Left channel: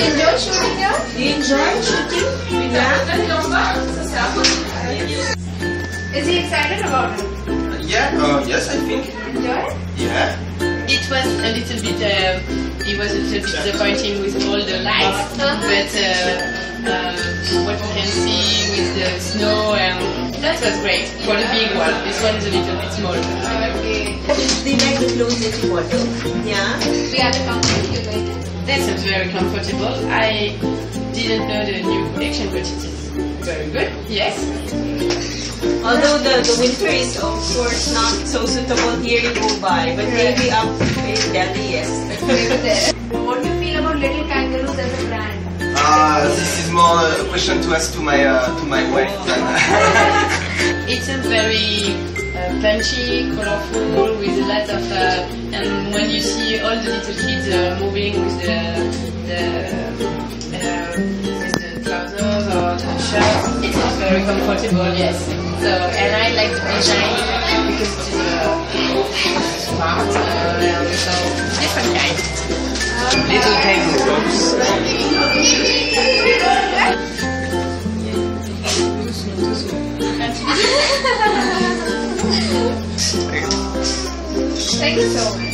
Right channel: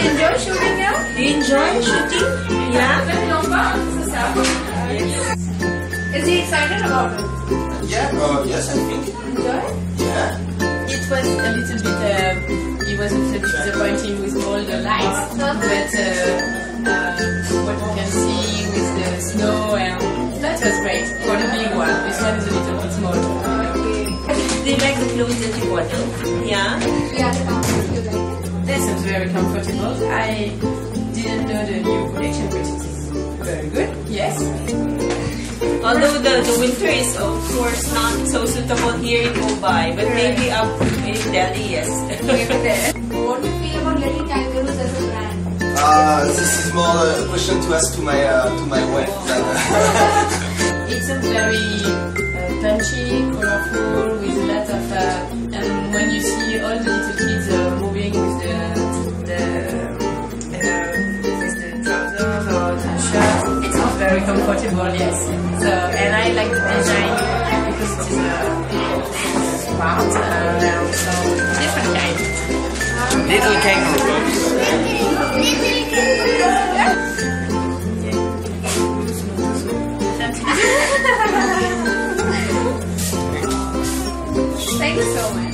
he enjoy shooting here? You enjoy shooting? Yeah. Yes. Is he excited about it? Yeah, yes, I think. Enjoy it? Yeah. It was a little bit, it was a little bit disappointing with all the lights, but what you can see with the snow, that was great for the big one. This one is a little bit small. Okay. Do you like the clothes that you bought out? Yeah. The other company, you like it? This is very comfortable. I didn't know the new collection, but it is very good. Yes. Although the winter is of course not so suitable here in Mumbai, but maybe up in Delhi, yes. Maybe there. What do you feel about Little Kangaroos as a brand? This is more a question to ask to my wife than. It's a very punchy, colorful, with a lot of, and when you see all the little kids moving with the trousers or the shirts, it is very comfortable, yes. So, and I like the design because it is smart, so different kind. Little kangaroo. Thank you so much.